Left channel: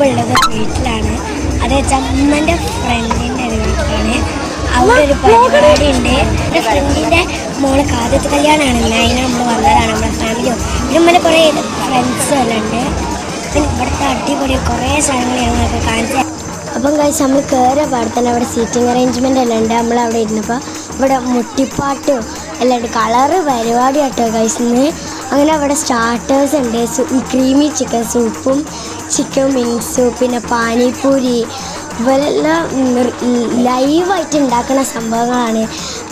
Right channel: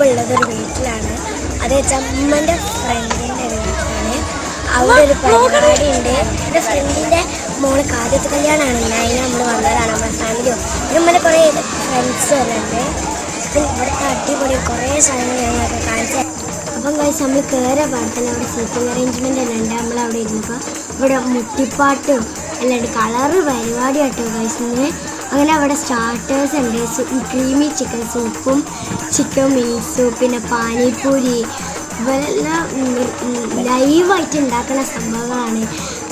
ഇപ്പോൾ ഉള്ളത് ഒരു വീട്ടിലാണ്. അത് വെച്ചാൽ അമ്മൻ്റെ ഫ്രണ്ടിൻ്റെ വീട്ടിലാണ്. അവിടെ ഒരു പരിപാടി ഉണ്ട്. എൻ്റെ ഫ്രണ്ടിൻ്റെ മോളെ ആദ്യത്തെ കല്യാണമാണ്. അതിന് നമ്മൾ വന്നതാണ്. നമ്മുടെ ഫാമിലിയോ നമ്മുടെ കുറേ ഫ്രണ്ട്സും എല്ലാം ഉണ്ട്. പിന്നെ ഇവിടുത്തെ അടിപൊളി കുറേ സ്ഥലങ്ങൾ ഞങ്ങളൊക്കെ കാണിച്ചു. അപ്പം കഴിച്ച് നമ്മൾ കയറിയ പാടത്തന്നെ അവിടെ സീറ്റിംഗ് അറേഞ്ച്മെൻ്റ് എല്ലാം ഉണ്ട്. നമ്മളവിടെ ഇരുന്നപ്പോൾ ഇവിടെ മുട്ടിപ്പാട്ടും എല്ലാം ഉണ്ട്. കളറ് പരിപാടിയാട്ടോ കഴിക്കുന്നത്. അങ്ങനെ അവിടെ സ്റ്റാർട്ടേഴ്സ് ഉണ്ട്. ക്രീമി ചിക്കൻ സൂപ്പും ചിക്കൻ വിങ്സും പിന്നെ പാനിപ്പൂരി ഇവരെല്ലാം ലൈവായിട്ട് ഉണ്ടാക്കുന്ന സംഭവങ്ങളാണ്.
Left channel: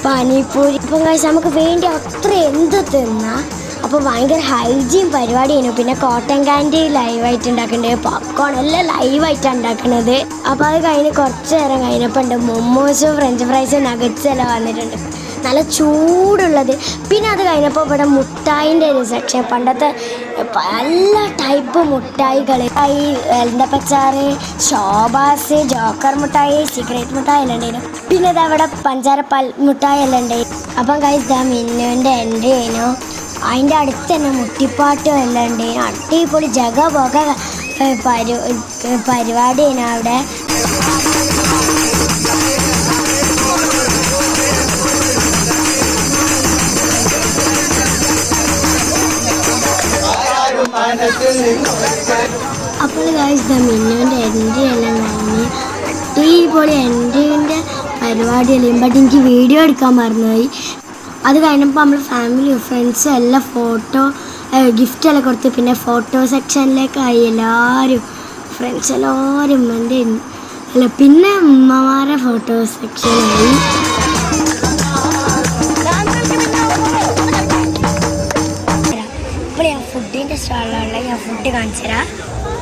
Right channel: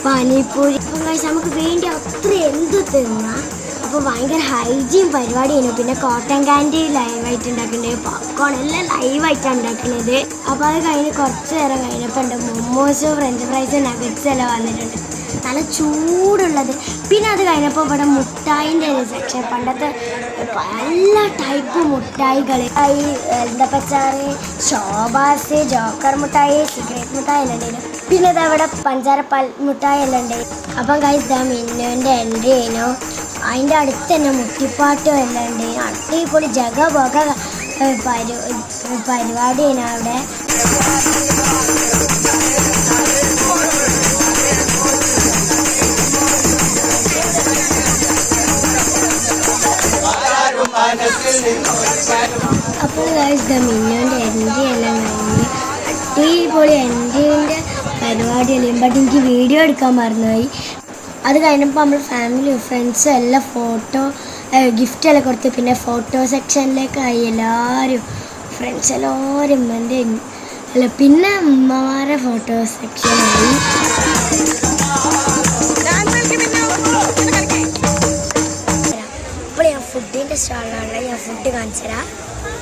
പാനിപ്പൂരി ഇപ്പം കഴിച്ച് നമുക്ക് വേണ്ടി അത്ര എന്ത് തിന്നാം. അപ്പോൾ ഭയങ്കര ഹൈജീൻ പരിപാടിയാണ്. പിന്നെ കോട്ടൺ ക്യാൻഡി ലൈവായിട്ട് ഉണ്ടാക്കേണ്ടത്, പോപ്കോൺ എല്ലാം ലൈവായിട്ടാണ് ഉണ്ടാക്കുന്നത്. അപ്പോൾ അത് കഴിഞ്ഞ് കുറച്ച് നേരം കഴിഞ്ഞപ്പോൾ ഉണ്ട് മൊമോസും ഫ്രഞ്ച് ഫ്രൈസും നഗറ്റ്സും എല്ലാം വന്നിട്ടുണ്ട്, നല്ല ചൂടുള്ളത്. പിന്നെ അത് കഴിഞ്ഞപ്പോൾ ഇവിടെ മുട്ടായിൻ്റെ ഒരു സെക്ഷൻ, പണ്ടത്തെ എല്ലാ ടൈപ്പ് മുട്ടായികൾ, എലന്തപ്പച്ചാറ്, ഷോബാസ്, ജോക്കർ മുട്ടായി, സിഗരറ്റ് മുട്ടായി എല്ലാം ഉണ്ടായിരുന്നു. പിന്നെ ഇത് അവിടെ പഞ്ചാരപ്പാൽ മുട്ടായി എല്ലാം ഉണ്ടായിരുന്നു. അപ്പം കഴിച്ചാൽ മിന്നുവിൻ്റെ എൻട്രി കഴിഞ്ഞു. അതിൻ്റെ അടുത്ത് തന്നെ മുട്ടിപ്പാട്ടും എല്ലാം ഉണ്ട്. അടിപൊളി ജഗബോഗ പരിപാടിയാണ് അവിടെ. അപ്പോൾ മിന്നുവിൻ്റെ എൻട്രി എല്ലാം കഴിഞ്ഞ് അടിപൊളി എൻട്രീൻ്റെ പരിപാടിയല്ലേ. ബട്ട് എനിക്ക് വീഡിയോ എടുക്കാൻ മറന്നുപോയി. അത് കഴിഞ്ഞപ്പോൾ നമ്മൾ ഫാമിലിയും ഫ്രണ്ട്സും എല്ലാം ഫോട്ടോ ഗിഫ്റ്റെല്ലാം കൊടുത്ത് പിന്നെ ഫോട്ടോ സെക്ഷനിലേക്കായി. എല്ലാവരും ഫ്രണ്ട്സ് എല്ലാവരും എൻ്റെ അല്ല പിന്നെ ഉമ്മമാരെ ഫോട്ടോ സെക്ഷനായി. ഇപ്പോൾ ഞാൻ ഫുഡിൻ്റെ സ്റ്റാളിലുള്ള ഞാൻ ഫുഡ് കാണിച്ചു തരാം.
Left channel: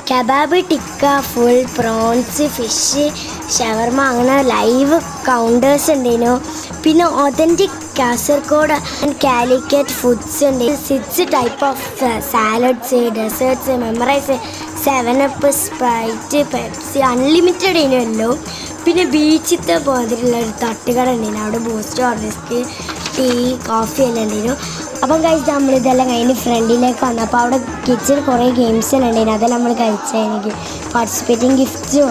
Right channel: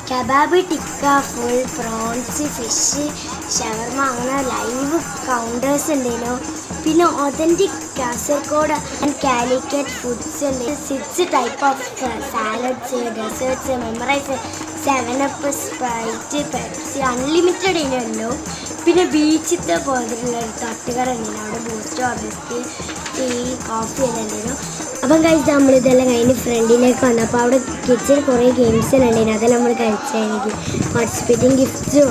Kebab, tikka, full prawns, fish, shawarma, അങ്ങനെ ലൈവ് കൗണ്ടേഴ്സ് ഉണ്ടായിരുന്നു. പിന്നെ ഒതൻറ്റിക് കാസർഗോഡ് കാലിക്കറ്റ് ഫുഡ്സ് ഉണ്ട്. 6 ടൈപ്പ് ഓഫ് സാലഡ്സ്, ഡെസേർട്സ്, മെമ്മറൈസ്, 7up, സ്പ്രൈറ്റ്, പെപ്സി, അൺലിമിറ്റഡ് ഇതിനല്ലോ. പിന്നെ ബീച്ചിലത്തെ പോലത്തുള്ളൊരു തട്ടുകട ഉണ്ടായിരുന്നു. അവിടെ ബൂസ്റ്റ്, ഹോർലിക്സ്, ടീ, കോഫി എല്ലാം ഉണ്ടായിരുന്നു. അപ്പം കഴിച്ച് നമ്മളിതെല്ലാം കഴിഞ്ഞ് ഫ്രണ്ടിലേക്ക് വന്നു. അപ്പോൾ അവിടെ കിച്ചണിൽ കുറേ ഗെയിംസ് എല്ലാം ഉണ്ടായിരുന്നു. അതെല്ലാം നമ്മൾ കഴിച്ചാൽ എനിക്ക് പാർട്ടിസിപ്പേറ്റിംഗ് ഗിഫ്റ്റും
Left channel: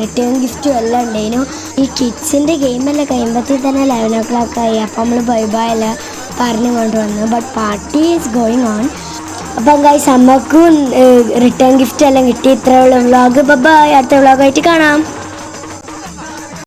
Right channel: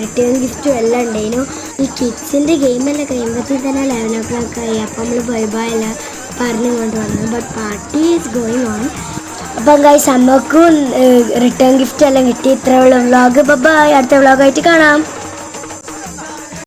റിട്ടേൺ ഗിഫ്റ്റും എല്ലാം ഉണ്ടായിരുന്നു. ഈ കിഡ്സിൻ്റെ ഗെയിമെല്ലാം കഴിയുമ്പോഴത്തേക്ക് തന്നെ 11 o'clock ആയി. അപ്പോൾ നമ്മൾ ബൈ എല്ലാം പറഞ്ഞു കൊണ്ടുവന്നു. But party is going on. അപ്പം ഗൈസ് നമുക്കും റിട്ടേൺ ഗിഫ്റ്റ് എല്ലാം കിട്ടി. ഇത്രയുള്ള വ്ളോഗ്. ബൈ. അടുത്ത വ്ളോഗായിട്ട് കാണാം.